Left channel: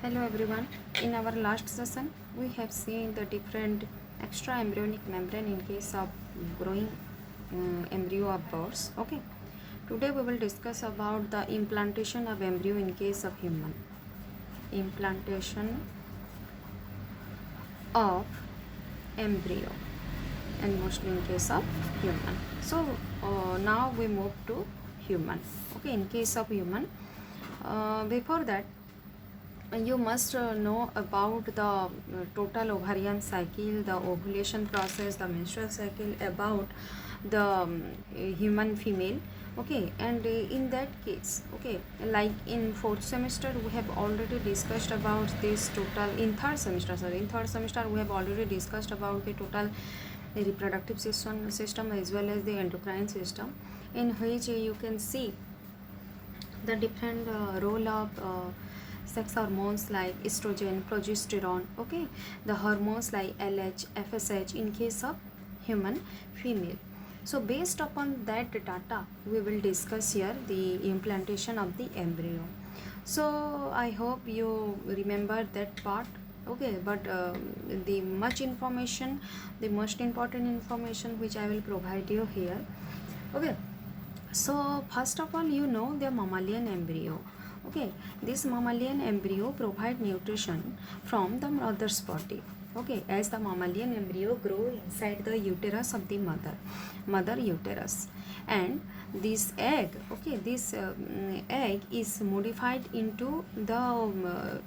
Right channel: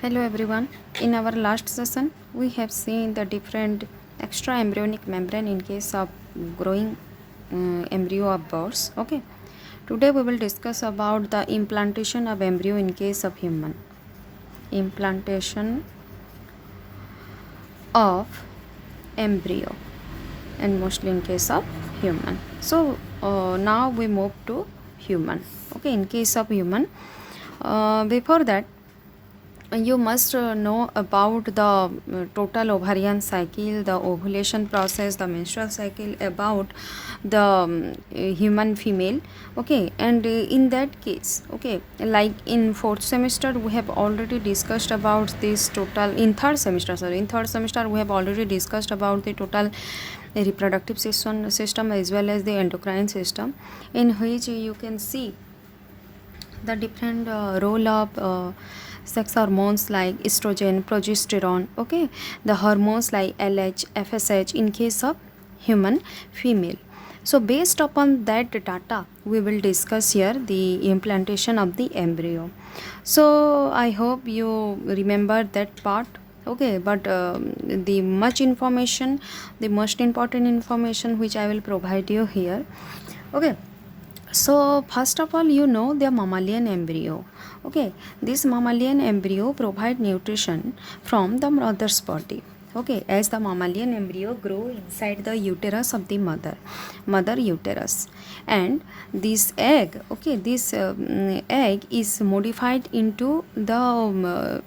Hello everyone. In our last session, we have seen the different extra embryonic membrane in case of growing embryo of birds. Okay. Today we will discuss about the implantation of embryo in case of human. Implantation of embryo and mostly in case of human. So now we move to human. Okay. In case of human, before that you must know about the total ovarian cycle, the ovulation process, the menstrual cycle about the human female. Okay, and in that case, okay, like in fourth semester we have already discussed about this total. In third semester, sorry, in third semester we have already discussed about the total reproductive system as well as the endocrine system, in which you can see the different role of sex hormones like estrogen, progesterone. Okay, the hormones like LH, FSH in case of human female. So based upon that data, we will discuss here the implantation of the embryo. So I hope you remember that part. Okay, but the much information, the most important information which I will provide you here. Okay, so first of all, you know the mammalian embryo. Okay, this mammalian embryo provide nutrition from the mother's body. Okay, as the mammalian embryo grow inside the uterus of the mother uterus, and this egg, okay, this egg is modified into the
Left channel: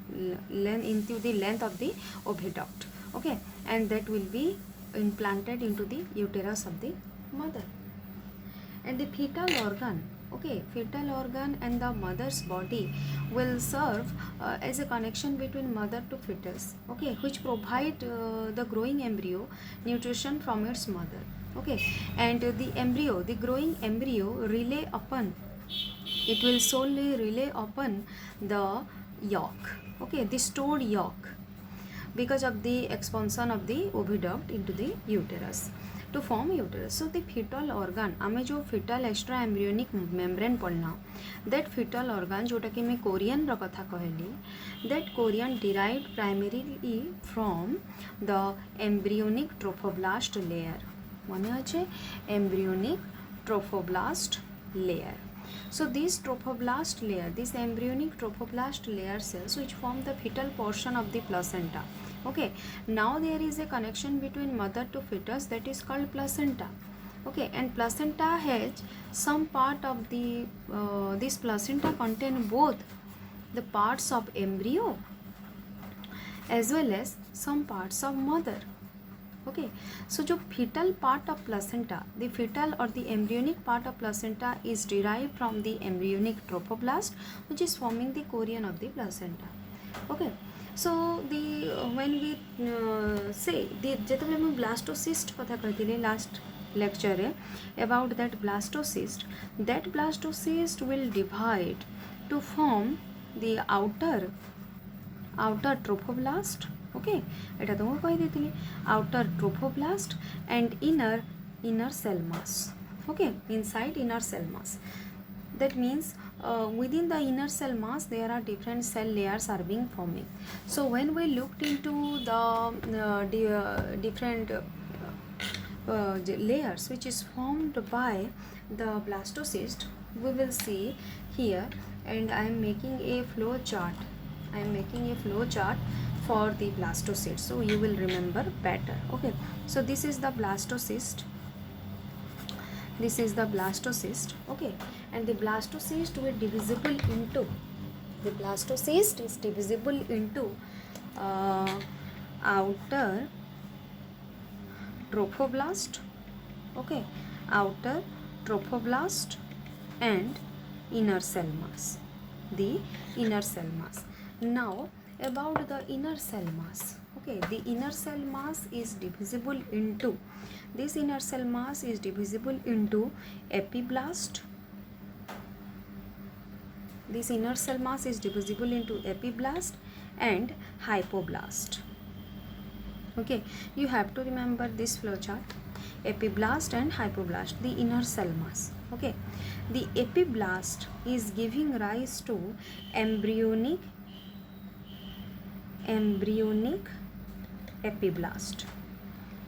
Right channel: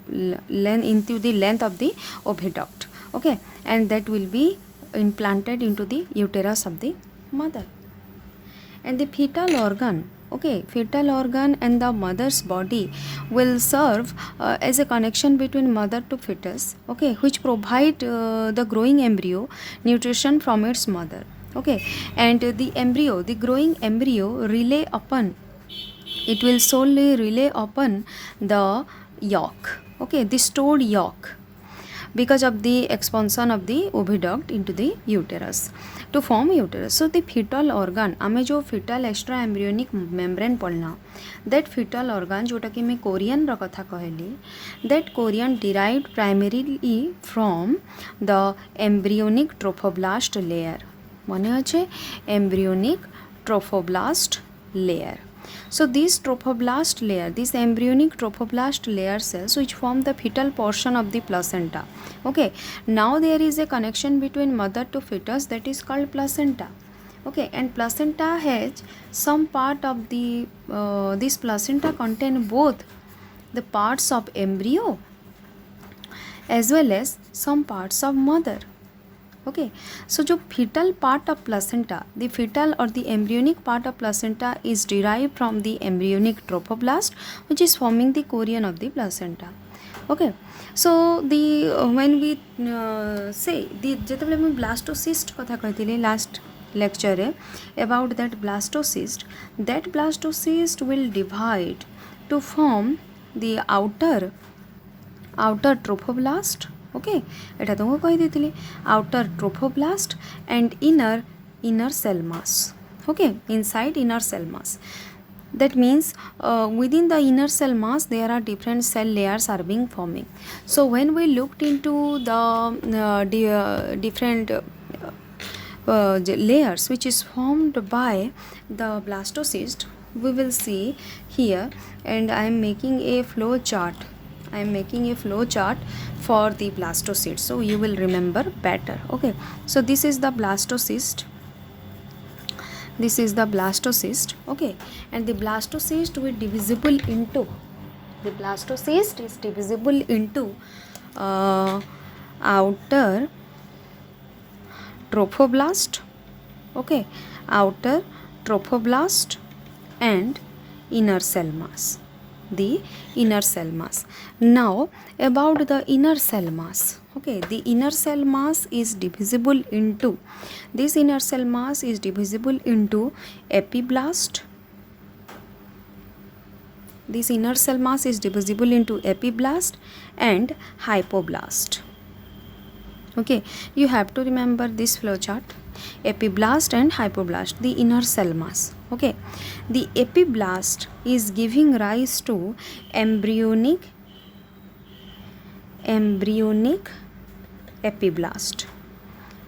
length of the oviduct. Okay, and that will be implanted into the uterus of the mother. And the fetal organ, okay, fetal organ and the mother's body will serve as a connection between mother to fetus, okay, which provide the growing embryo nutrition from its mother. Okay, and the growing embryo rely upon, it will solely rely upon the yolk, okay, the stored yolk, because of the expansion of the oviduct into the uterus to form uterus. So the fetal organ, आमे जो fetal extra embryonic membrane पढ़ना, that fetal organ जोटा कि मैं Korean रा कथा कहली, that Korean derived primarily from the embryonic trophoblast layer. मने अच्छे embryonic trophoblast layer. So this trophoblast layer, this embryonic trophoblast layer cells which form the fetal portion of the placenta. Okay, now there is a connection between mother to fetus, that is called placenta. Okay, and placenta has some part of the this placenta contain both the parts of embryo as well as some parts of mother. Okay, so जो fetal part of placenta, the fetal or the embryonic part of placenta is derived from the embryonic trophoblast which is forming the chorion of the placenta. Okay, so the when we say the ଯେତେବେଳେ ମୁଁ blastocyst କଥା କହିଥିଲି last lecture ରେ about that blastocyst will divide to form the outer trophoblast. Okay, এটা তো কই দিଥିଲି outer trophoblast and inner cell mass. Okay, inside inner cell mass, that means within the inner cell mass there are different cell layers are being forming. So when we looked into the different layers which is formed by the blastocyst, we will see here, and I am making a flow chart. For the blastocyst, so you will remember better. Okay, so this is the blastocyst. Okay, and the blastocyst is divisible into outer trophoblast, okay, outer trophoblast and inner cell mass, the inner cell mass. Now about the inner cell mass, okay, the inner cell mass is divisible into, this inner cell mass is divisible into epiblast. This inner cell mass is divisible into epiblast and hypoblast. Okay, you have to remember this flow chart: epiblast and hypoblast, the inner cell mass. Okay, the epiblast is giving rise to embryonic embryonic epiblast.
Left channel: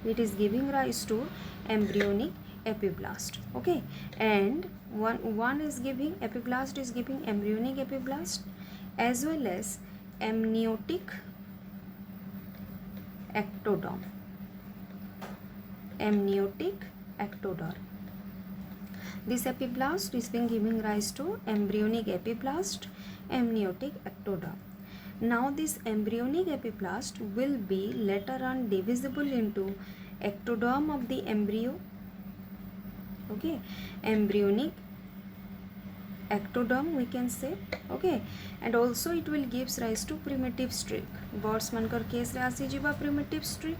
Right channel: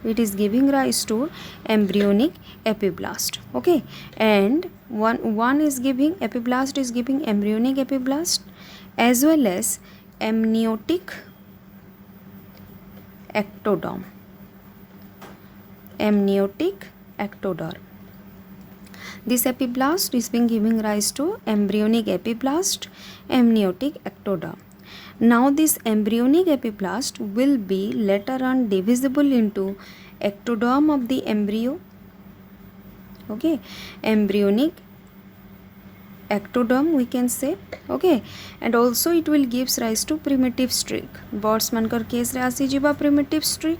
It is giving rise to embryonic epiblast. Okay, and one is giving epiblast is giving embryonic epiblast as well as amniotic ectoderm. Amniotic ectoderm. This epiblast is being giving rise to embryonic epiblast, amniotic ectoderm. Now this embryonic epiblast will be later on divisible into ectoderm of the embryo. Okay, embryonic ectoderm we can say. Okay, and also it will gives rise to primitive streak. Birds mankar case re asi jiba primitive streak.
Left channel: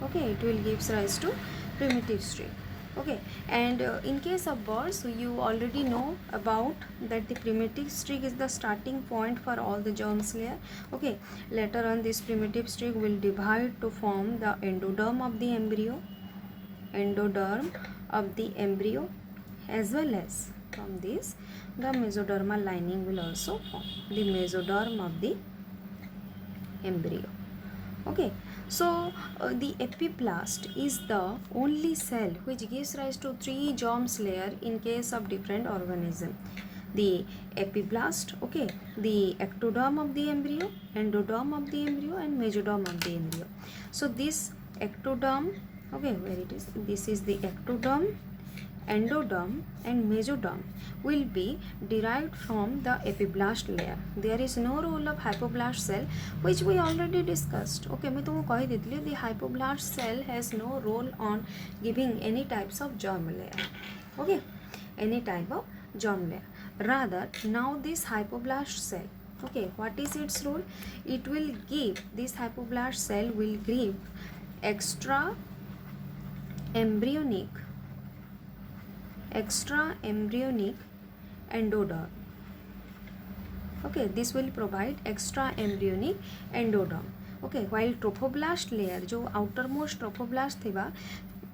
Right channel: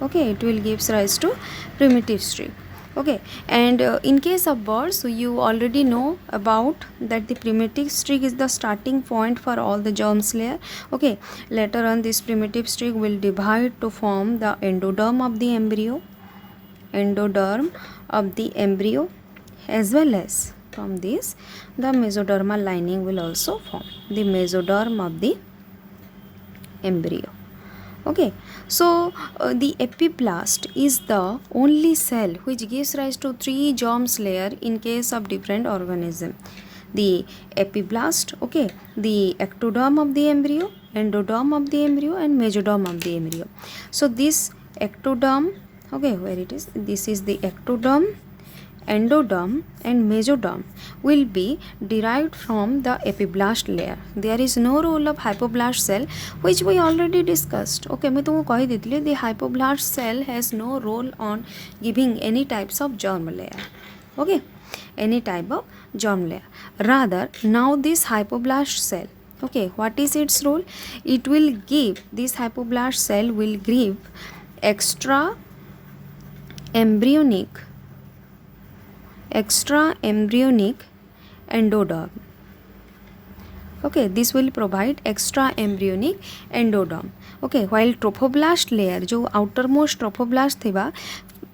Okay, it will gives rise to primitive streak. Okay, and in case of birds, so you already know about that the primitive streak is the starting point for all the germs layer. Okay, later on this primitive streak will divide to form the endoderm of the embryo, as well as from this the mesodermal lining will also form, the mesoderm of the embryo. Okay, so the epiblast is the only cell which gives rise to 3 germs layer in case of different organism. The epiblast, okay, the ectoderm of the embryo, endoderm of the embryo, and mesoderm of the embryo. So this ectoderm, okay, where it is, this is the ectoderm, endoderm and mesoderm will be derived from the epiblast layer. There is no role of hypoblast cell, which we already discussed. Okay, मैं तुमको कही देती the hypoblast cell has no role on giving any types of germ layer. Okay, any type of germ layer. Rather, now this hypoblast cell, okay, what is its role? It will give, this hypoblast cell will give extra embryonic endoderm. Okay, this will provide extra embryonic endoderm. Okay, while trophoblast layer, जो outermost trophoblast थिबा,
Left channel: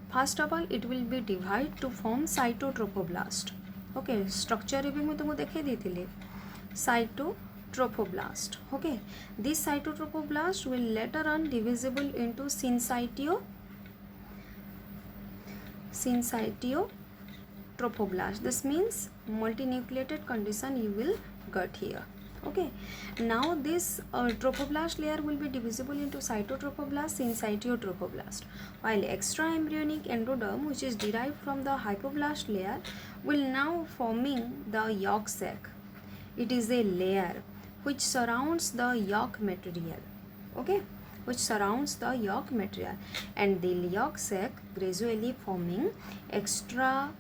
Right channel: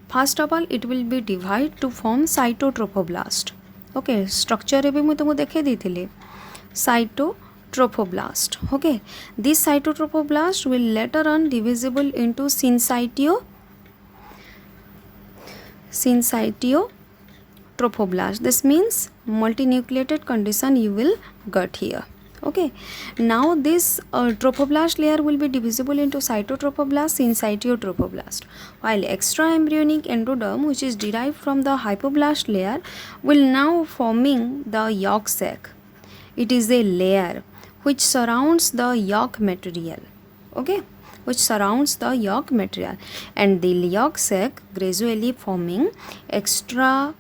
first of all it will be divide to form cytotrophoblast. Okay, structure रे भी मैं तुमको देखे दी थी cytotrophoblast. Okay, this cytotrophoblast will later on divisible into syncytiotrophoblast. This means multinucleated condition you will get here. Okay, now this trophoblast layer will be divisible into cytotrophoblast, syncytiotrophoblast, while extra embryonic endoderm, which is derived from the hypoblast layer, will now forming the yolk sac. It is a layer which surrounds the yolk material. Okay, which surrounds the yolk material, and the yolk sac gradually forming extra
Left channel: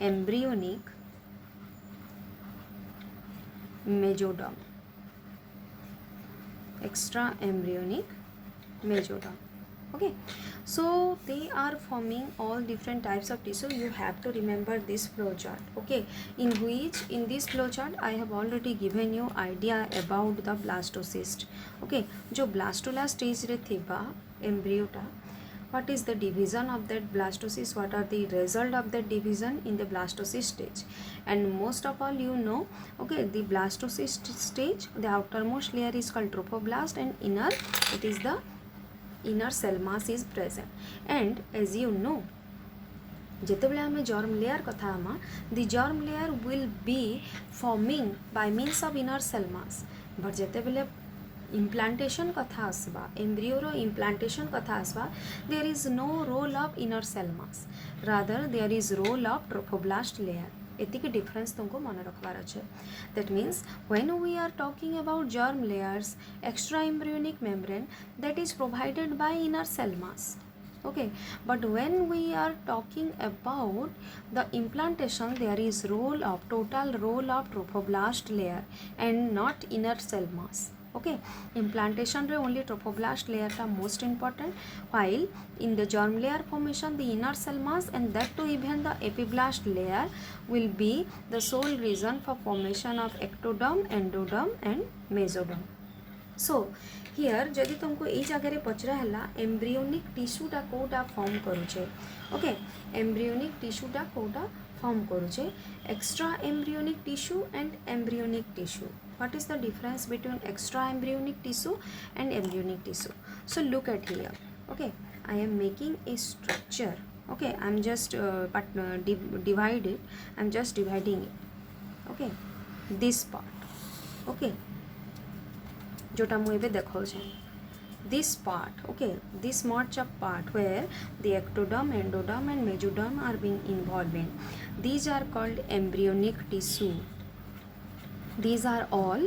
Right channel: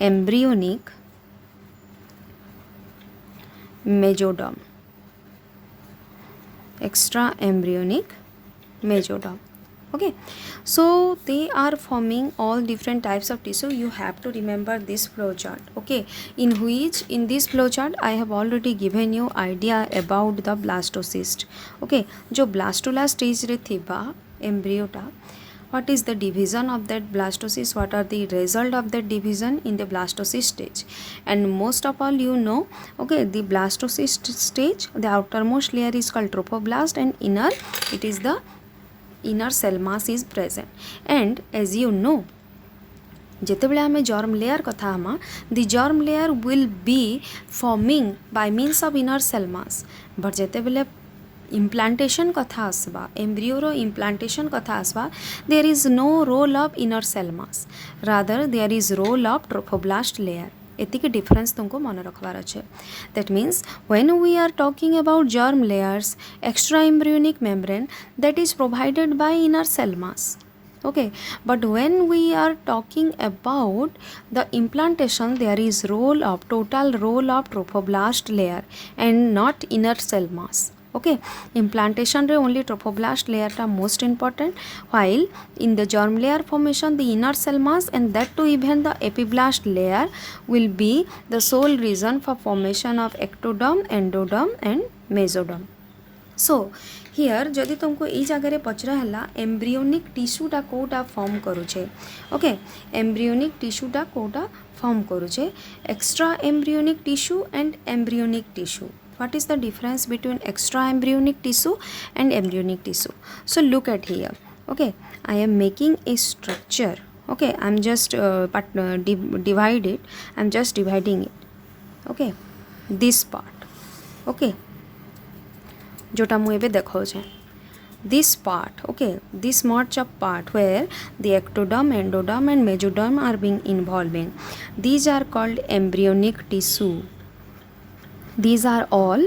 embryonic mesoderm. Okay, so they are forming all different types of tissue. You have to remember this flow chart. Okay, in this flow chart I have already given you idea about the blastocyst. Okay, जो blastula stage रे थिबा embryo टा, what is the division of that blastocyst, what are the result of that division in the blastocyst stage, and most of all you know, okay, the blastocyst stage, the outermost layer is called trophoblast, and inner, it is the inner cell mass is present. And as you know, जेतेबेले आमे germ layer कथा हमा, the germ layer will be forming by means of inner cell mass, but जेतेबेले implantation कथा आसबा, embryo रो implantation कथा आसबा, there is no role of inner cell mass, rather there is role of trophoblast layer. एतिक difference तुमको मन रखवार अच्छे. That means when we are talking about germ layers, extra embryonic membrane that is provided by inner cell mass. Okay, but when we are talking about the implantation, there is total role of trophoblast layer and not inner cell mass. Okay, implantation रे only trophoblast layer ta most important, while in the germ layer formation the inner cell mass and that too even the epiblast layer will be the sole reason for formation of ectoderm, endoderm and mesoderm. So here जदि तुमको ई जगह पचरा है embryonic टिश्यूटा Kota form करुचे. Okay, embryonic टिश्यूटा Kota form करुचे, extra embryonic tissue and embryonic tissue. What is the difference between extra embryonic tissue and embryonic tissue? So look at here. Okay, I am making a structure. Okay, I'm just divide it. I'm just dividing it. Okay, this part. Okay, जोटा मु एबे देखौछे, this part. Okay, this much of part where the ectoderm, endoderm and mesoderm are being involving, these are called embryonic tissue. These are all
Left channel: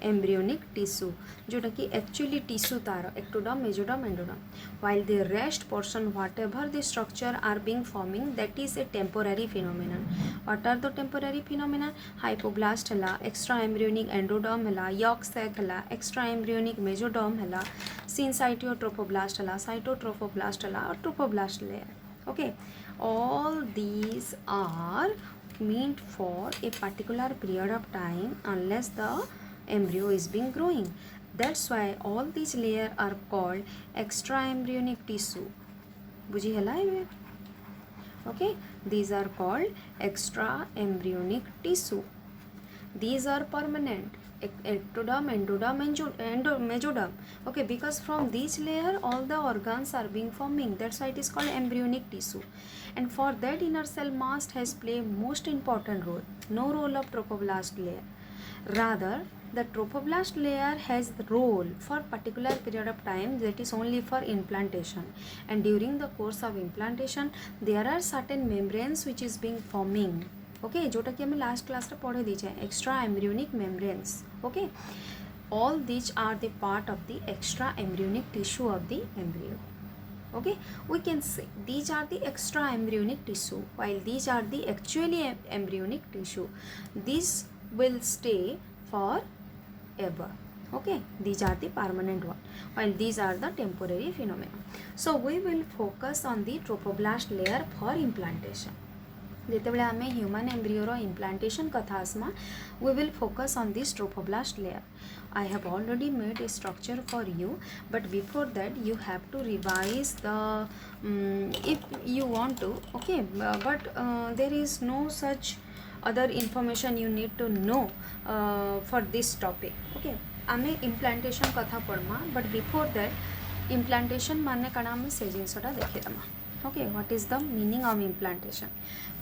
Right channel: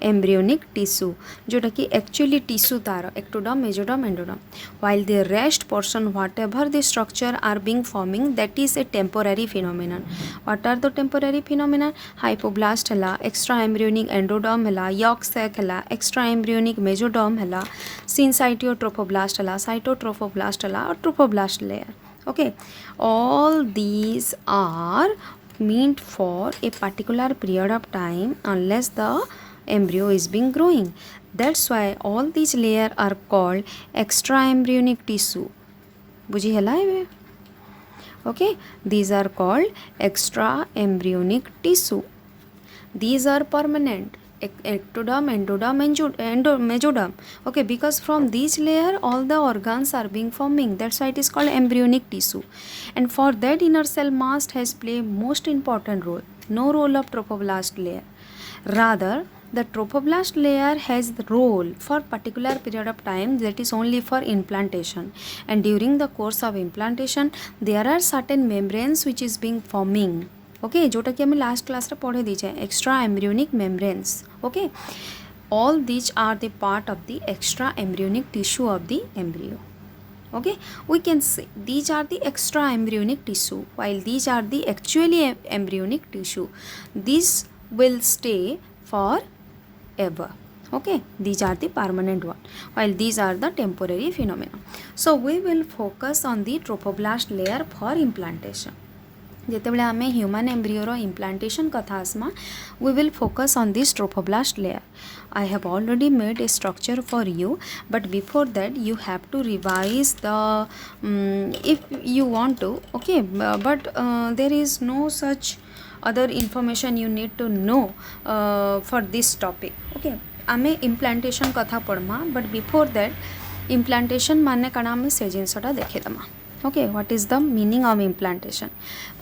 embryonic tissue, जोटा कि actually tissue तार ectoderm, mesoderm, endoderm, while the rest portion whatever the structure are being forming, that is a temporary phenomenon. What are the temporary phenomenon? Hypoblast हला, extra embryonic endoderm हला, yolk sac हला, extra embryonic mesoderm हला, syncytiotrophoblast हला, cytotrophoblast हला और trophoblast layer. Okay, all these are meant for a particular period of time unless the embryo is being growing. That's why all these layers are called extra embryonic tissue. बुझी हला है? Okay, these are called extra embryonic tissue. These are permanent. Ectoderm, endoderm and mesoderm. Okay, because from these layer all the organs are being forming, that's why it is called embryonic tissue. And for that inner cell mass has played most important role. No role of trophoblast layer, rather the trophoblast layer has the role for particular period of time, that is only for implantation, and during the course of implantation there are certain membranes which is being forming. Okay, जोटा कि हमें last class रे पढ़े दीचे extra embryonic membranes. Okay, all these are the part of the extra embryonic tissue of the embryo. Okay, we can say these are the extra embryonic tissue while these are the actually embryonic tissue. These will stay forever. Okay, these are the permanent one while these are the temporary phenomena. So we will focus on the trophoblast layer for implantation. जेतेबेले आमे human embryo रो implantation कथा आसमा, we will focus on this trophoblast layer. I have already made a structure for you, but before that you have to revise the if you want to. Okay, but there is no such other information you need to know for this topic. Okay, आमे implantation कथा पढ़मा, but before that implantation माने काना आमे से जिनसटा देखे दमा. Okay, what is the meaning of implantation?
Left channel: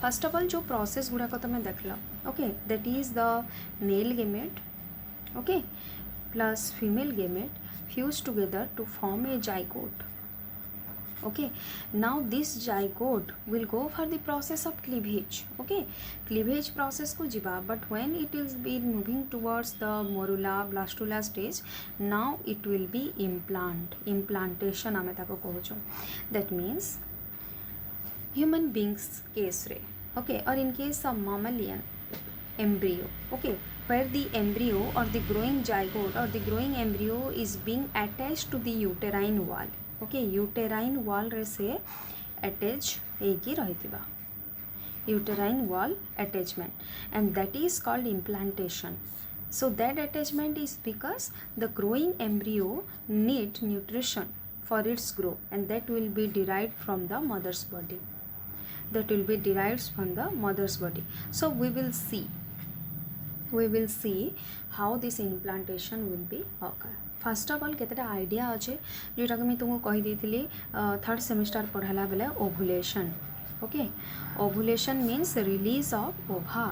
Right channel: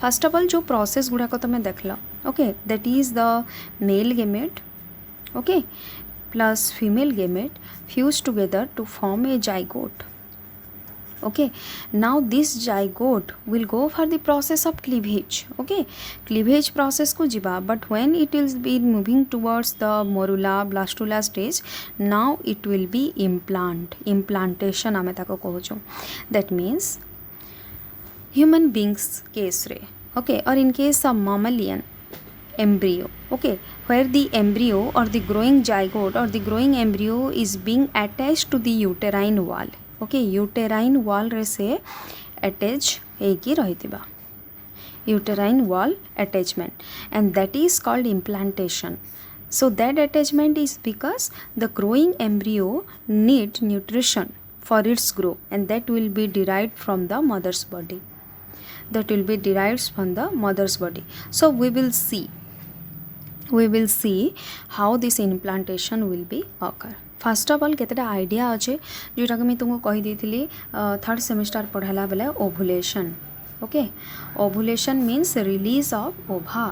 First of all जो प्रोसेस गुड़ाक तुम देख लो, okay, that is the male gamete, okay, plus female gamete fuse together to form a zygote. Okay, now this zygote will go for the process of cleavage. Okay, cleavage process को जिबा, but when it will be moving towards the morula blastula stage, now it will be implantation आमे ताको कहूँ. That means human beings case रे, okay, or in case of mammalian embryo, okay, where the embryo or the growing zygote or the growing embryo is being attached to the uterine wall. Okay, uterine wall रे से attach होगी रही, uterine wall attachment, and that is called implantation. So that attachment is because the growing embryo need nutrition for its grow, and that will be derived from the mother's body. So we will see how this implantation will be occur. First of all केतेटा idea अच्छे जोटा कि तुमको कही थी third semester पढ़ाला बेले ovulation. Okay, ovulation means release of ova,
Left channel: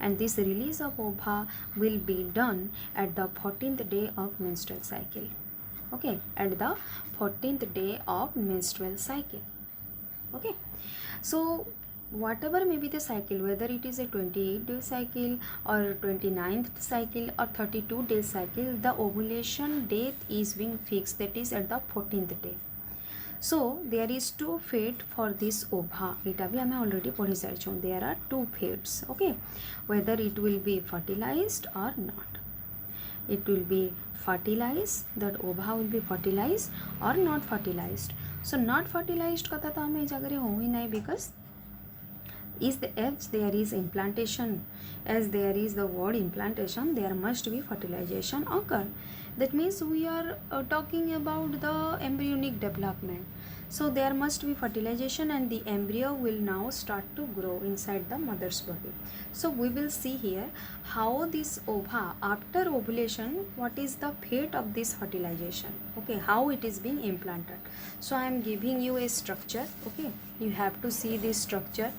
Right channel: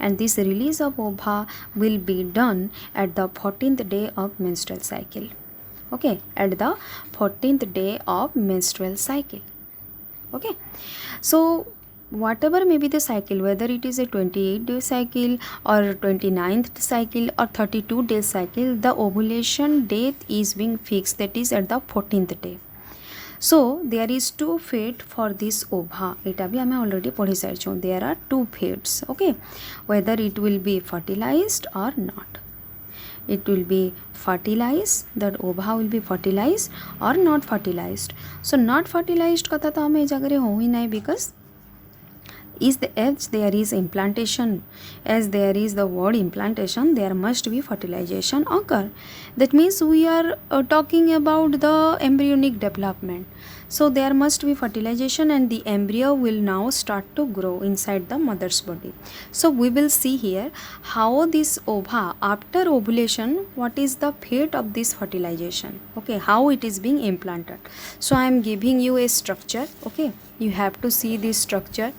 and this release of ova will be done at the 14th day of menstrual cycle. Okay, at the 14th day of menstrual cycle. Okay, so whatever may be the cycle, whether it is a 28-day cycle or 29th cycle or 32-day cycle, the ovulation date is being fixed, that is at the 14th day. So there is two fate for this ova. Eta bhi ame already पढ़ी सारिछो. There are two fates. Okay, whether it will be fertilized or not. It will be fertilized, that ova will be fertilized or not fertilized. So not fertilized कथा तो हमें जगह हो ही नहीं, because is the as there is implantation, as there is the word implantation, there must be fertilization occur. That means we are talking about the embryonic development. So there must be fertilization and the embryo will now start to grow inside the mother's body. So we will see here how this ova after ovulation, what is the fate of this fertilization, okay, how it is being implanted. So I am giving you a structure, okay, you have to see this structure.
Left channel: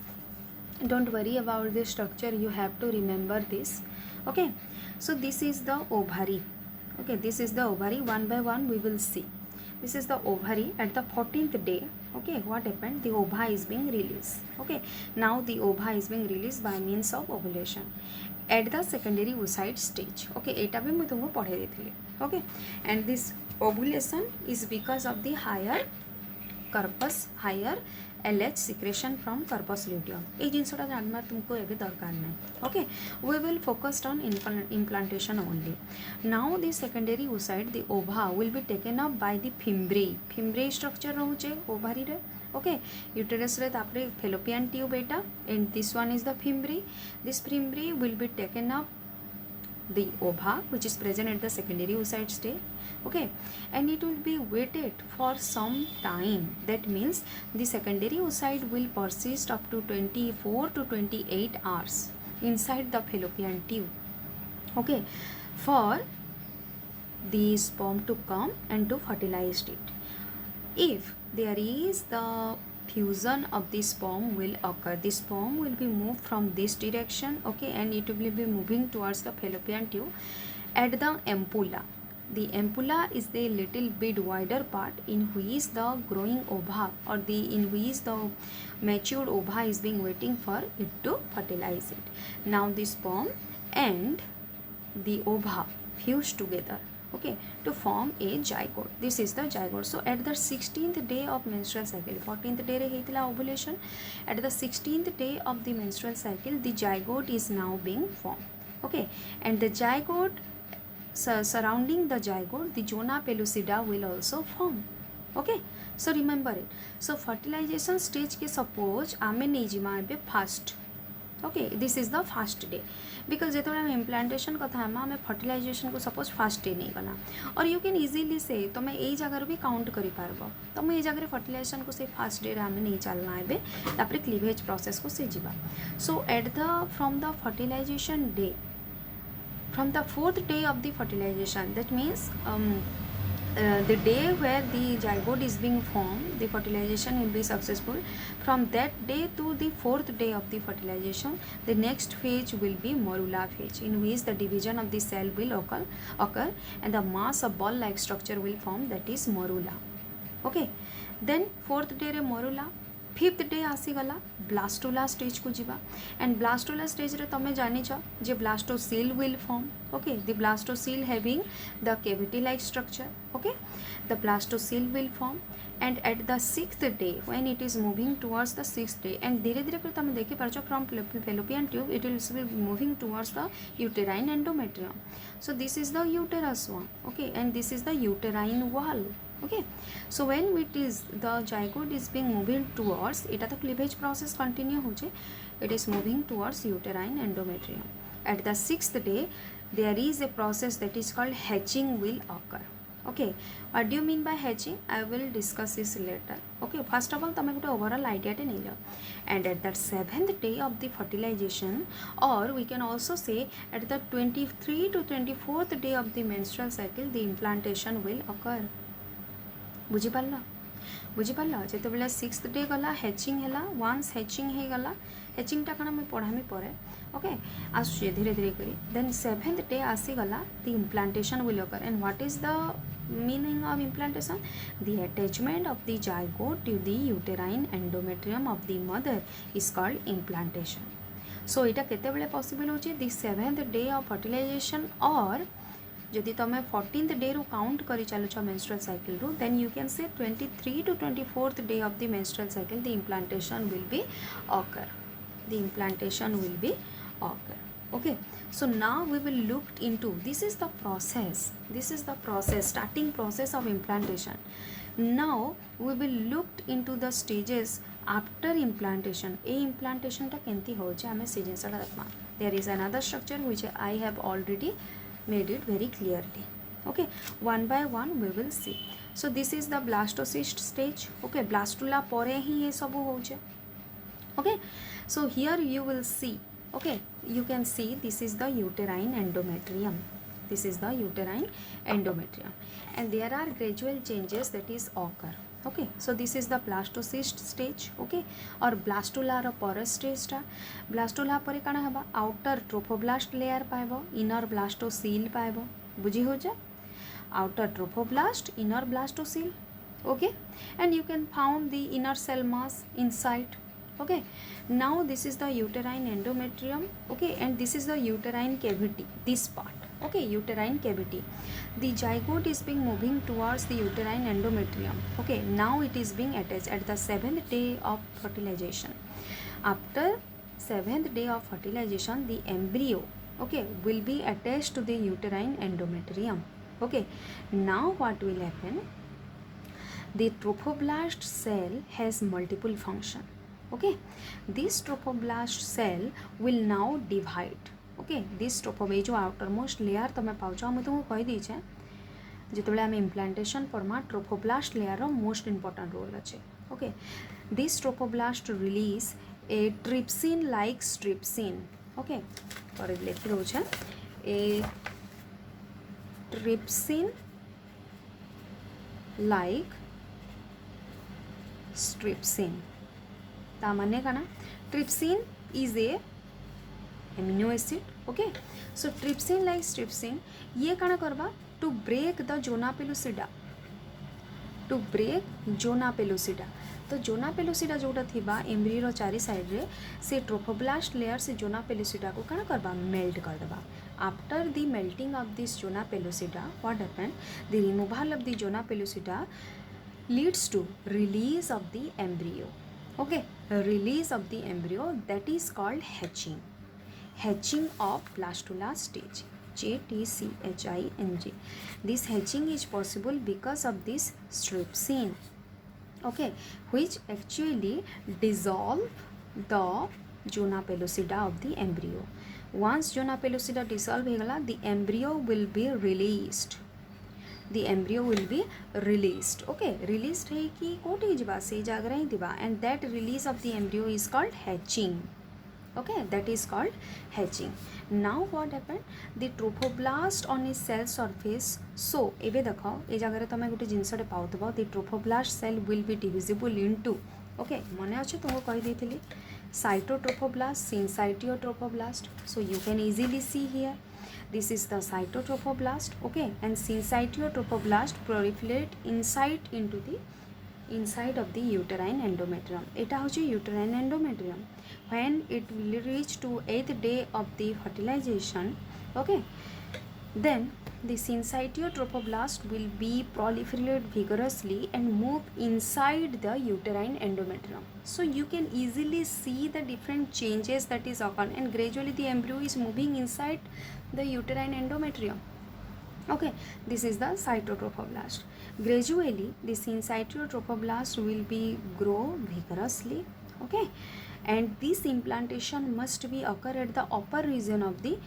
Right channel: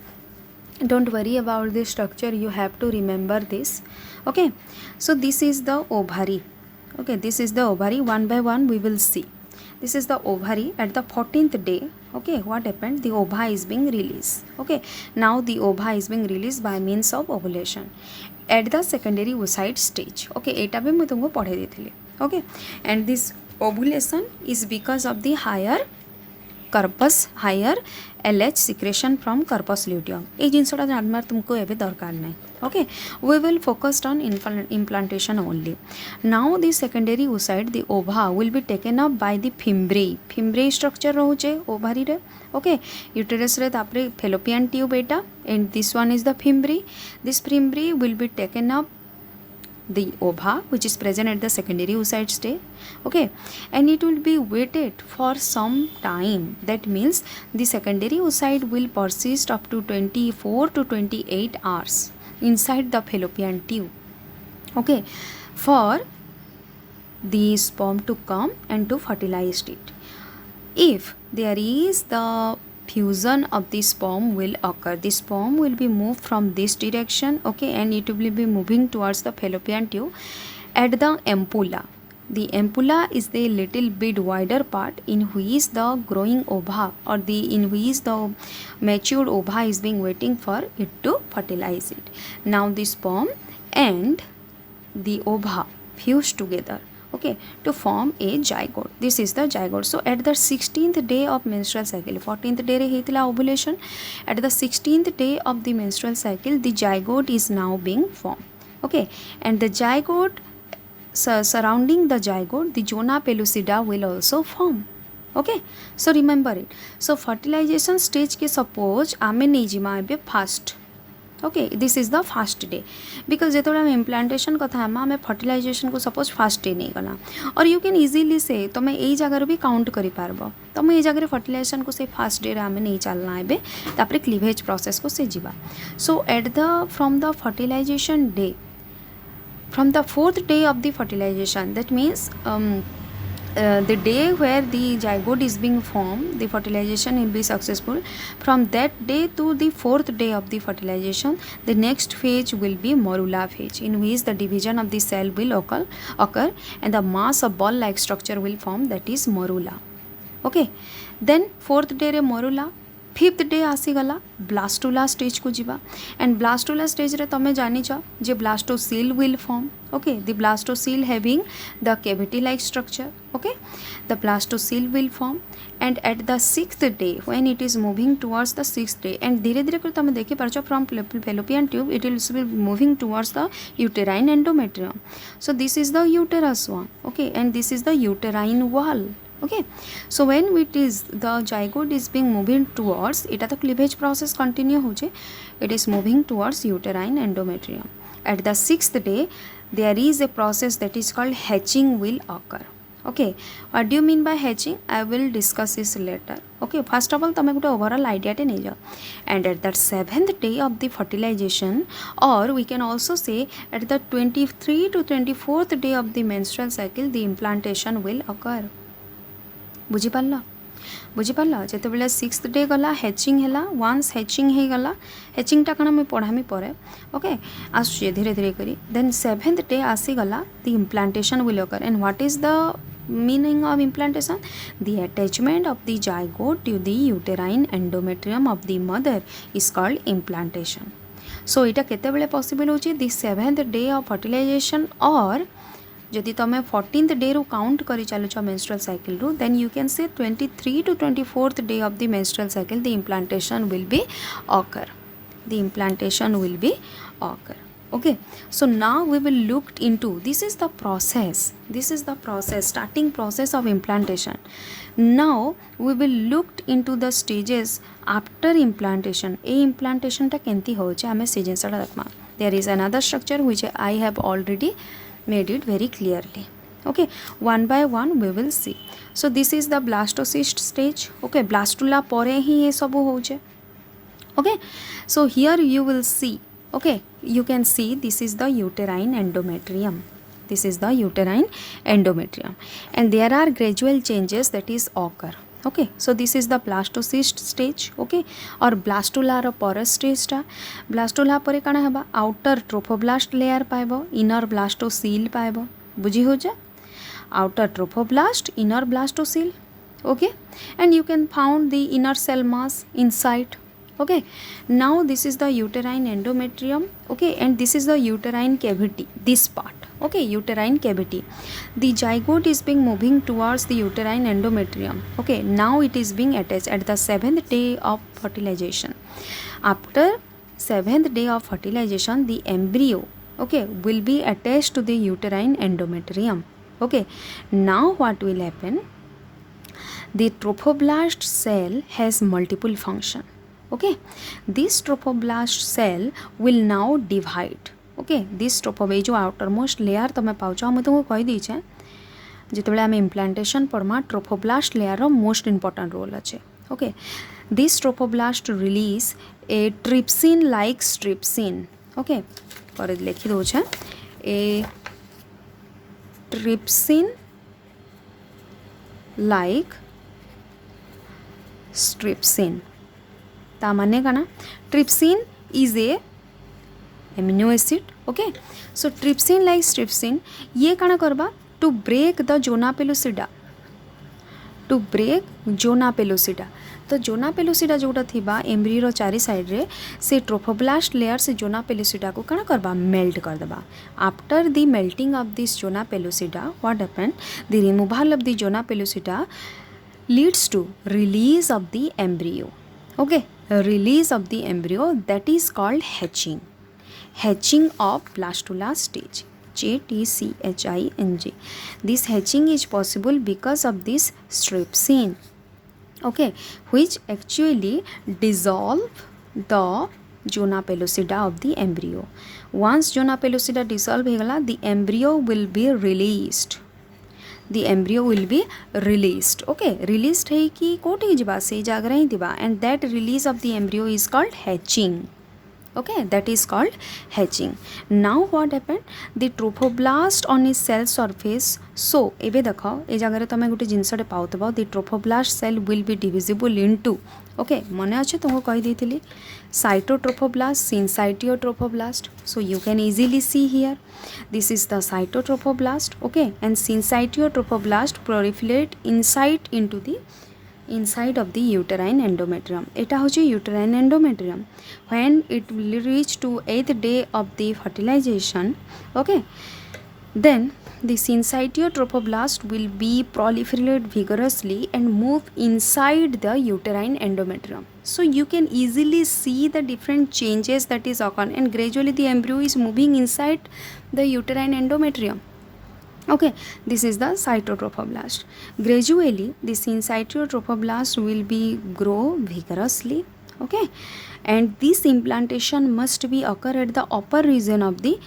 Don't worry about this structure, you have to remember this, okay. So this is the ovary, okay, this is the ovary. One by one we will see. This is the ovary at the 14th day, okay. What happened, the ova is being released, okay. Now the ova is being released by means of ovulation at the secondary oocyte stage, okay. एटा भी मैं तुमको पढ़े देथिली, okay. And this ovulation is because of the higher corpus, higher LH secretion from corpus luteum. ये जिनसटा जानवर तुमको एबे दरकार नहीं, okay. We will focus on implantation only. Now the secondary oocyte, the ova will be taken up by the fimbriae. Fimbriae structure रोचे ovary रे, okay. Uterus रे तापरे fallopian tube Etah, and this one is the fimbriae. This fimbriae will be taken up the ova which is present at the secondary oocyte stage, okay, and it will be waited for some time. That means the secondary oocyte will persist up to 24 to 28 hours inside the fallopian tube, okay, for the sperm to come and to fertilize it. If there is the fusion of the sperm will occur, the sperm will be moved from this direction, okay, and it will be moving towards the fallopian tube at the ampulla. The ampulla is the little bit wider part in which the growing ova or the in which the matured ova is being waiting for it to fertilize it. Now the sperm and the ova fuse together, okay, to form a zygote. This is the zygote. So at the 16th day of menstrual cycle, 14th day re heitila ovulation, at the 16th day of the menstrual cycle the zygote is now being formed, okay, and the zygote surrounding the zygote the zona pellucida will also form, okay. So remember it. So fertilization stage के suppose आमे नहीं जिमा एबे fast, okay, this is the fast day because जो आम implantation कथा आम fertilisation को सपोज फास्ट डे नहीं गला और यू कैन इजिली से तुम यही जगार भी काउंट कर पारब तुम ये जगह फर्टिलाइजेशन को से फास्ट डे आम नहीं चलना एबे तापर क्लीवेज प्रोसेस को से जीवा. So at the from the fertilization day from the 4th day of the fertilization, that means the day where the zygote is being formed, the fertilization will be successful. From that day to the 4th day of the fertilization, the next phase will be morula phase, in which the division of the cell will occur and the mass of ball like structure will form, that is morula, okay. Then 4th day रे morula, 5th day आसीगला blastula stage को जीवा and blastula stage रे तमे जानिच जे blastocoel will form, okay. The blastocoel having the cavity like structure, okay. The blastocoel will form and at the 6th day when it is moving towards the 6th day and धीरे धीरे कर तमे देखि पारछ from fallopian tube it will be moving towards the uterine endometrium. So this is the uterus one, okay, and this is the uterine wall, okay. So when it is the zygote is being moving towards it, the cleavage process continue hoche, it is moving towards uterine endometrium. At the 6th day there is a process that is called hatching will occur, okay. What do you mean by hatching? I will discuss this later, okay. First of all tame gote overall idea te nei jao, and at that 7th day of the fertilization, or we can also say at the 23 to 24th day of the menstrual cycle, the implantation will occur. बुझिपाल जिते 6th day गला hatching है. Ones hatching हो गला, हैचिंगटा कण मुझे पढ़ामी पर, okay, आसुचे धीरे धीरे करी. देन 7th डे आसीगला the implantation will occur. And what is the meaning of implantation? The attachment of the zygote to the uterine endometrium of the mother is called implantation. So इटा केते बेले possible होची? The 7th day of fertilization, or जदि तुम 14th day रू count करी चलुच menstrual cycle रू, then you can say 23 to 24th day of the menstrual cycle the implantation will be occur, the implantation will be occur, Okay, so now we will look into, this is the process, starting process of implantation. Now we will look into the stages after implantation. A implantation ta kenti hoche ame se jinsa dakma. There is another structure which I have already made it very clearly. Okay, one by one we will see. So this is the blastocyst stage. Okay, blastula pore hi ye sabu hoche. Okay, so here you will see, okay, you can see this is the uterine endometrium. This is the uterine endometrium, and there are gradual changes that is occur. Okay, so this is the blastocyst stage. Okay, or blastula ro porous stage ta. Blastula pore kana haba, outer trophoblast layer paebo, inner blastocele paebo. बुझी हो जा, outer trophoblast, inner blastocele. Okay, and you can found the inner cell mass inside. Okay, now this is the uterine endometrium. Okay, and this is the uterine cavity, this part. Okay, uterine cavity. The zygote is being moving towards the uterine endometrium. Okay, now it is being attached at the 7th day of fertilization. After 7th day of fertilization, the embryo, okay, will be attached to the uterine endometrium. Okay, now what will happen? The trophoblast cell has multiple function. Okay, this trophoblast cell will now divide. Okay, this trophoblast जो outermost layer तमे पाउछ हम तुमको कहि दी छे जेतेबेले आमे implantation परमा trophoblast layer रो most important role अछि. Okay, this trophoblast release a trypsin like strepsin. Okay, पर लिखि दो छे a trypsin like strepsin. ता माने काना, trypsin is a amino acid. Okay, so trypsin like strepsin ये काना करबा to break the zona pellucida, to break zona pellucida. तो जोना पेलुसिडा जोटा थिबा एम्ब्रियो रो चारि साइड रे से ट्रोफोब्लास्ट लेयर से जोना पेलुसिडा को काना करबा मेल्ट कर देबा. After the melting of this zona pellucida what happen, the removal of the zona pellucida leads to release of the embryo. Okay, release of the embryo, that is called hatching. Hatching of blastula stage, JTCHING. This hatching is possible because of this strepsin. Okay, which actually dissolve the zona pellucida of the embryo. Once zona pellucida dissolve hegala, the embryo will be released. The embryo will be released. Okay, released है कि कोटी जिबा से जागरा ही दिबा, and that release of the embryo is called hatching. Okay, that is called hatching. Now what happened, the trophoblast on its cell surface. So एबे देखो ए जगह तमे गोटे जिनसटे पाउतबो, the trophoblast cell will be divisible into, okay, मने अच्छे तुमको कहि देथिली cytotrophoblast, syncytiotrophoblast. So you can easily see here, this is the cytotrophoblast. Okay, and syncytiotrophoblast proliferate inside of the uterine endometrium. Eta hoche uterine endometrium. When it will reach to 8th day of the fertilization, okay, then the syncytiotrophoblast will be proliferate vigorously and move inside the uterine endometrium. So you can easily see the different changes that is occurring, and gradually the embryo is moving inside the uterine endometrium. Okay, this is the cytotrophoblast. Gradually the syncytiotrophoblast will be grow vigorously. Okay, and this implantation must be occur at the upper region of the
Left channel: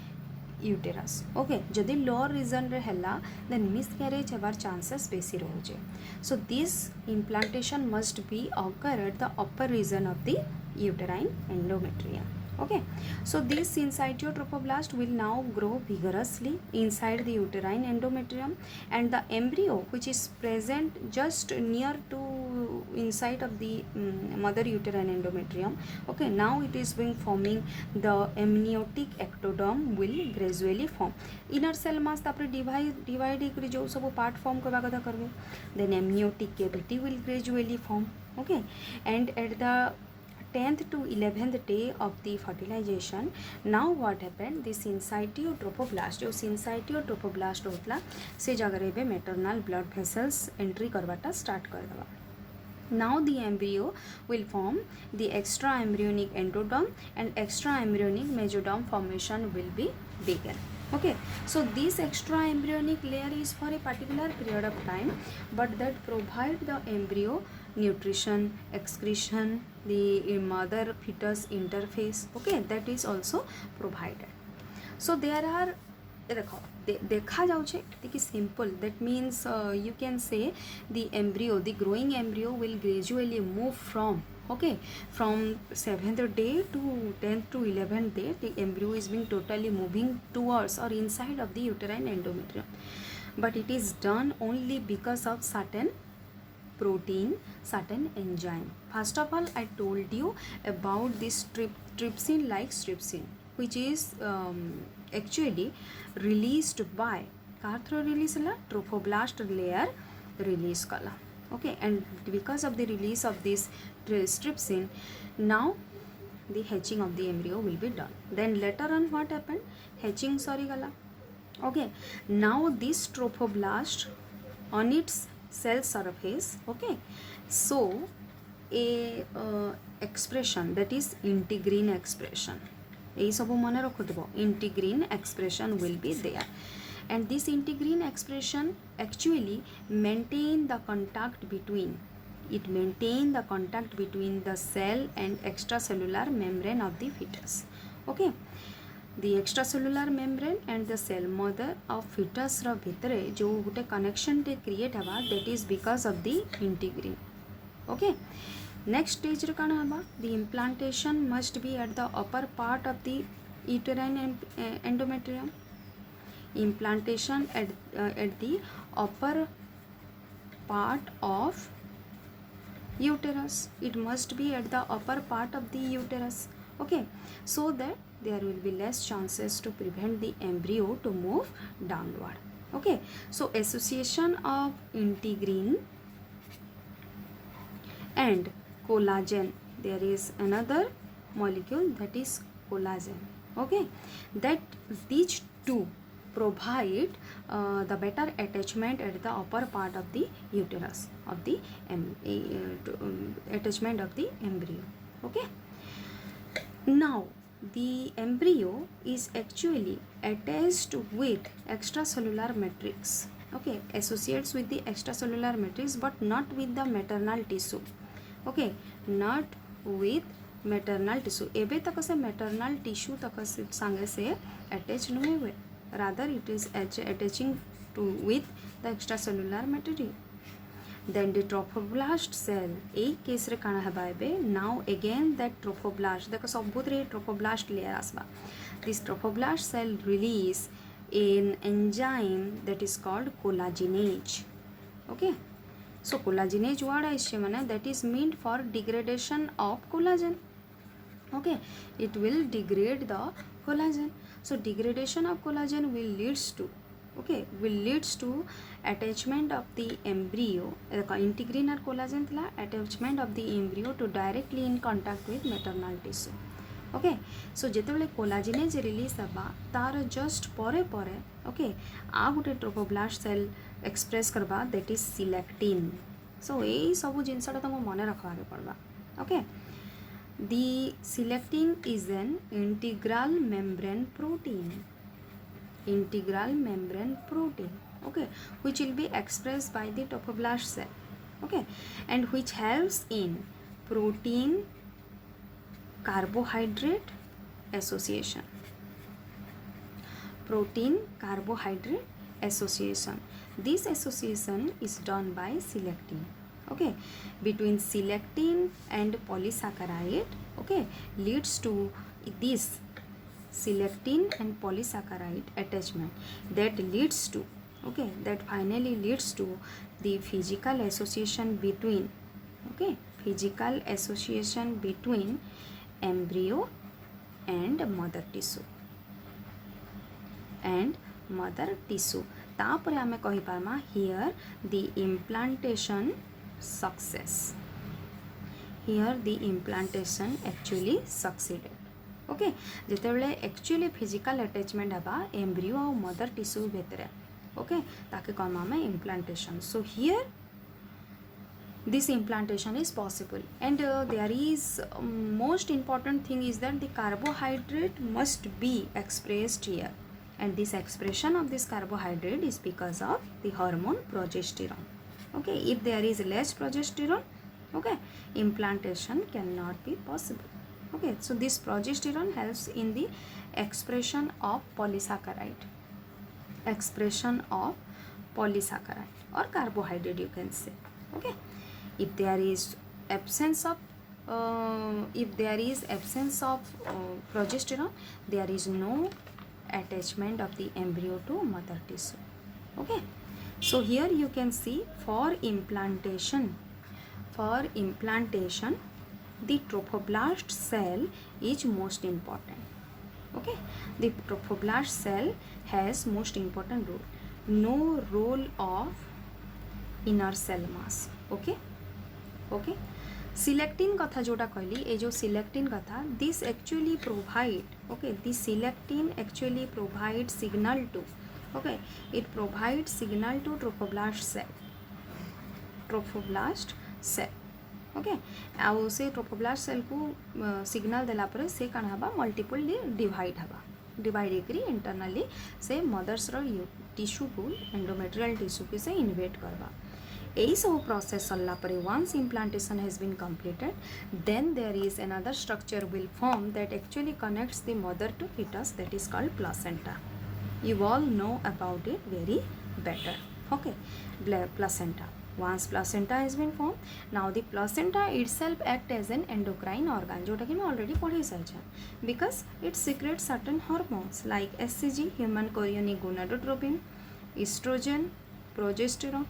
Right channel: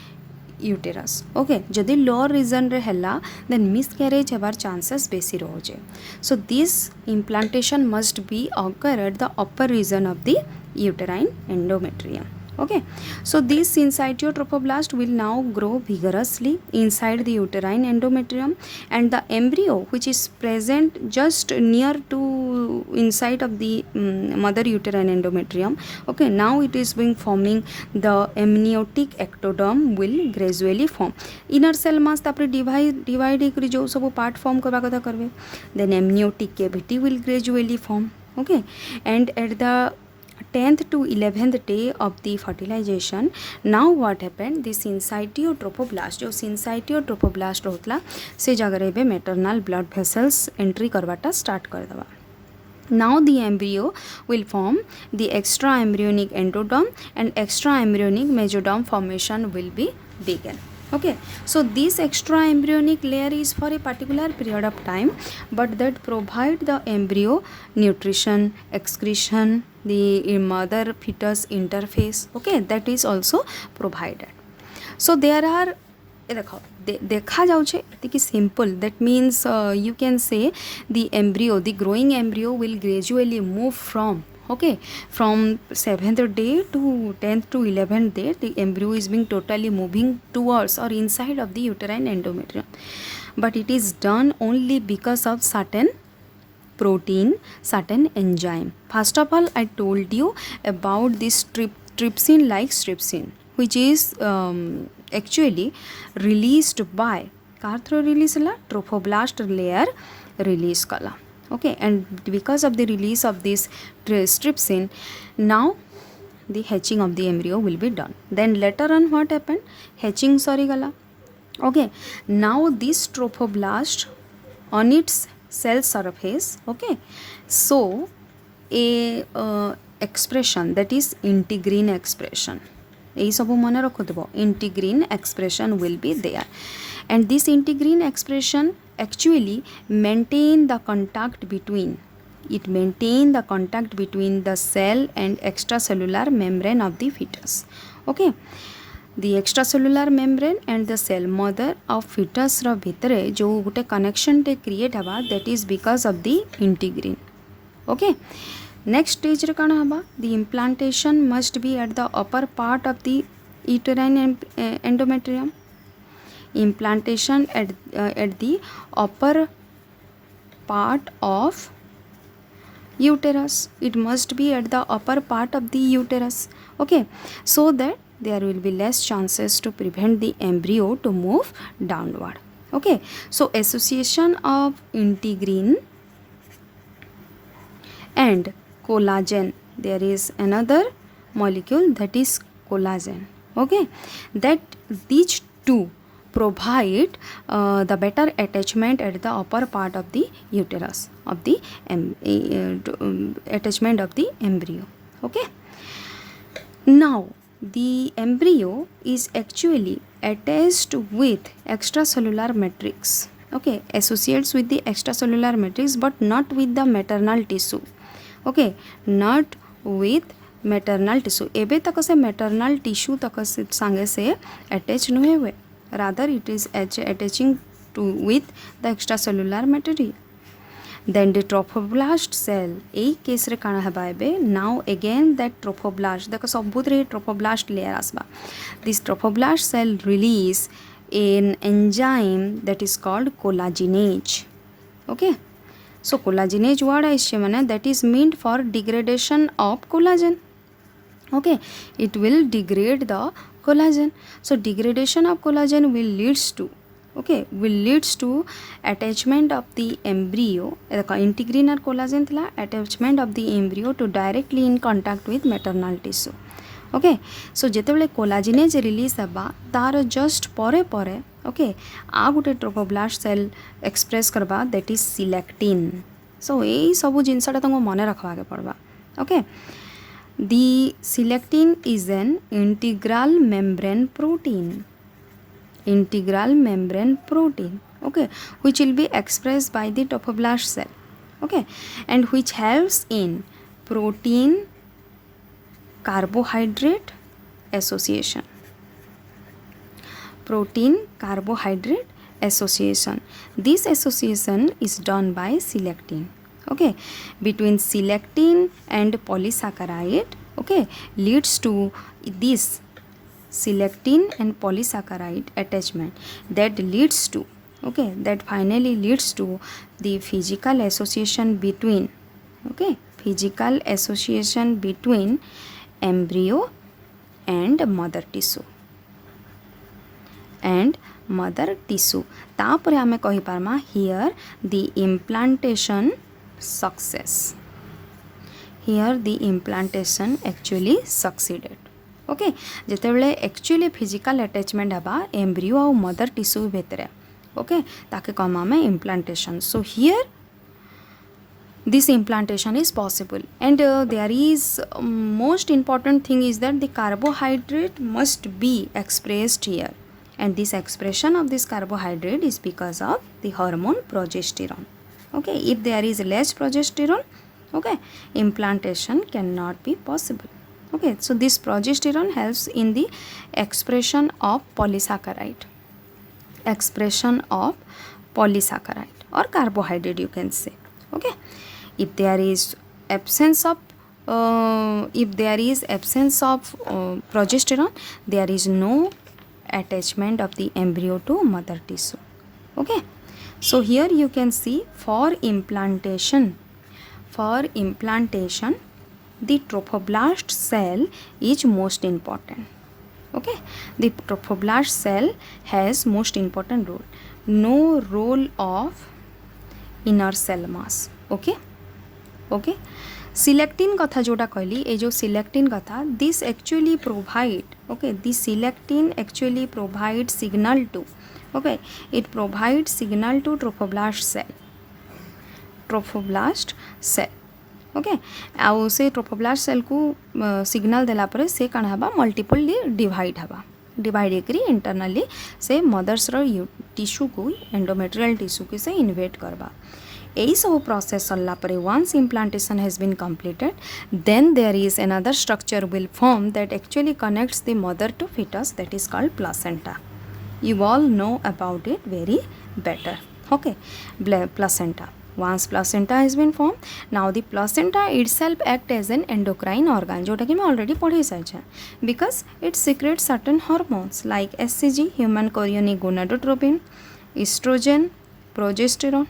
uterus. Okay, जदि lower region रे हला, then miscarriage हेबार chances बेसी रहोचे. So this implantation must be occur at the upper region of the uterine endometrium. Okay, so this syncytiotrophoblast will now grow vigorously inside the uterine endometrium, and the embryo which is present just near to inside of the mother uterine endometrium, okay, now it is being forming the amniotic ectoderm will gradually form. Inner cell mass तापरे divide एकरी जो सब part form करवा कथा करवे, then amniotic cavity will gradually form. Okay, and at the 10th to 11th day of the fertilization, now what happened, the syncytiotrophoblast जो syncytiotrophoblast होतला से जगह रे maternal blood vessels entry करवाटा start कर दवा. Now the embryo will form the extra embryonic endoderm, and extra embryonic mesoderm formation will be begun. Okay, so this extra embryonic layer is for a particular period of time, but that provide the embryo nutrition, excretion, the mother fetus interface. Okay, that is also provided. So there are देखा जाउछे एतिकी simple, that means you can say the embryo, the growing embryo will gradually move from from 7th day to 10th to 11th day. The embryo is being totally moving towards or inside of the uterine endometrium, but it is done only because of certain protein, certain enzyme. First of all, I told you about this trypsin like trypsin, which is actually released by car through release la trophoblast layer release kala. Okay, and because of the release of this trypsin, now the hatching of the embryo will be done. Then later on what happened, hatching sorry gala. Okay, now this trophoblast on its cell surface, okay, so a expression, that is integrin expression, এই ସବୁ ମନେ ରଖୁଥିବ, integrin expression will be there, and this integrin expression actually maintain the contact between the cell and extracellular membrane of the fetus. Okay, the extracellular membrane and the cell mother of fetus ର ଭିତରେ जो ଗୋଟେ connection टे create हवा, that is because of the integrin. Okay, next stage रे काना हवा, the implantation must be at the upper part of the uterine endometrium. Implantation at the upper part of uterus, it must be at the upper part of the uterus. Okay, so that there will be less chances to prevent the embryo to move downward. Okay, so association of integrin and collagen, there is another molecule, that is collagen. Okay, that these two provide the better attachment at the upper part of the uterus of the attachment of the embryo. Okay, now the embryo is actually attached with extracellular matrix. Okay, associates with the extracellular matrix, but not with the maternal tissue. Okay, not with maternal tissue. एबे तक से maternal tissue तक संगे से attach नहीं हुए, rather it is attaching to with the extracellular material. Then the trophoblast cell, এই case रे काना हबा एबे, now again that trophoblast, देखो सबुत रे trophoblast layer आसबा. This trophoblast cell release an enzyme that is called collagenase. Okay, so collagenase word आइछे माने that is meant for degradation of collagen. Okay, it will degrade the collagen. So degradation of collagen will leads to attachment of the embryo, integrin or collagen thila attachment of the embryo to directly in contact with maternal tissue. Okay, so जेतेबेले collagenase release हबा तार just परे परे, okay, आ गुटे trophoblast cell express करबा, that is selectin. So यही सब जिनसटा तुमको मने रखवा के पड़बा. Okay, the selectin is an integral membrane protein, okay, which will be expressed by the trophoblast cell. Okay, and which helps in protein carbohydrate association. This association is done by selectin. Okay, between selectin and polysaccharide, okay, leads to this selectin and polysaccharide attachment, that leads to, okay, that finally leads to the physical association between embryo and mother tissue. तापरे आमे कहि पारमा, here the implantation actually succeeded. Okay, जेतेबेले actually physical attachment हबा embryo और mother tissue भितरे, okay, ताके कहमा में implantation. So here this implantation is possible. And there is most important thing is that the carbohydrate must be expressed here, and this expression of this carbohydrate is because of the hormone progesterone. Okay, if there is less progesterone, okay, implantation cannot be possible. Okay, so this progesterone helps in the expression of polysaccharide or carbohydrate, you can say. Okay, if there is absence of progesterone, there is no attachment of the embryo to mother tissue. Okay, so here you can see for implantation the trophoblast cell is most important. Okay, the trophoblast cell has most important role, no role of inner cell mass. Okay, selectin कथा जोटा कहली ए जो selectin कथा this actually provide this selectin actually provide signal to it provide signal to trophoblast cell आउ से trophoblast cell को signal देला पर से कण हबा मल्टीपल डिवाइड करी इंटरनली से मदर्स टिश्यू को एंडोमेट्रियल टिश्यू के से इन्वेट करबा यही सब प्रोसेस सरला पर once implantation has been completed then there is another structure will form that actually connects the mother to fetus, that is called placenta. You all know about it very better. Okay, placenta. Once placenta has been formed, now the placenta itself act as an endocrine organ, जोटा कि मैं already पढ़ी सारी because it secretes certain hormones like HCG, human chorionic gonadotropin, estrogen, progesterone.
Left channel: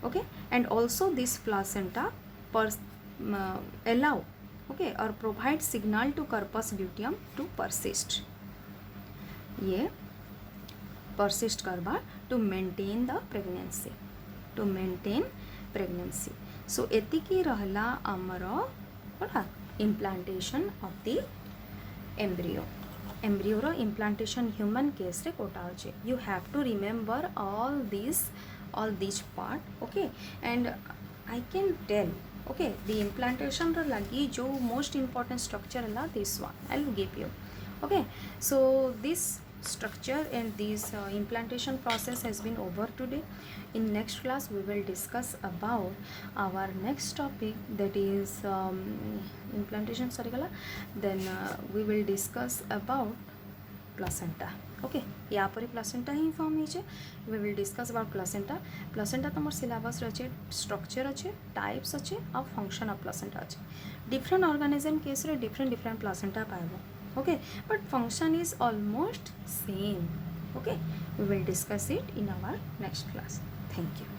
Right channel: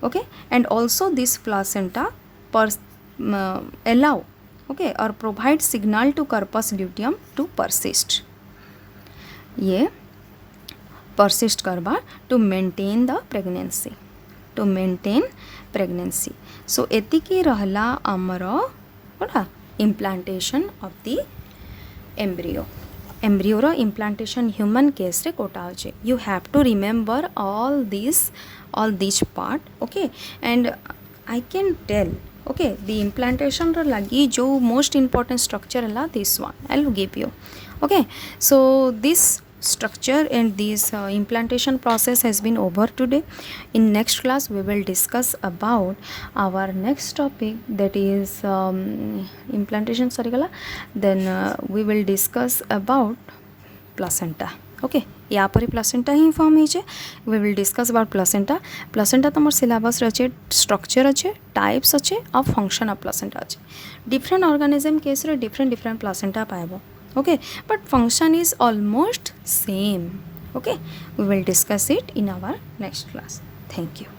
Okay, and also this placenta allow or provide signal to corpus luteum to persist. ये persist करबा to maintain pregnancy. So एतिकी रहला आमर implantation of the embryo row implantation human case रे कोटा होचे. You have to remember all these part. Okay, and I can tell the implantation ro lagi जो most important structure है this one I'll give you. Okay, so this structure and this implantation process has been over today. In next class we will discuss about our next topic, that is implantation then we will discuss about placenta. Okay, यहाँ पर placenta ही form होइछे. We will discuss about placenta तुम syllabus अच्छे, structure अच्छे, types अच्छे और function of placenta अच्छे. डिफरेंट ऑर्गेनिज्म केस रे डिफरेंट प्लासेंटा पाइबो. Okay, but function is almost same. Okay, we will discuss it in our next class. Thank you.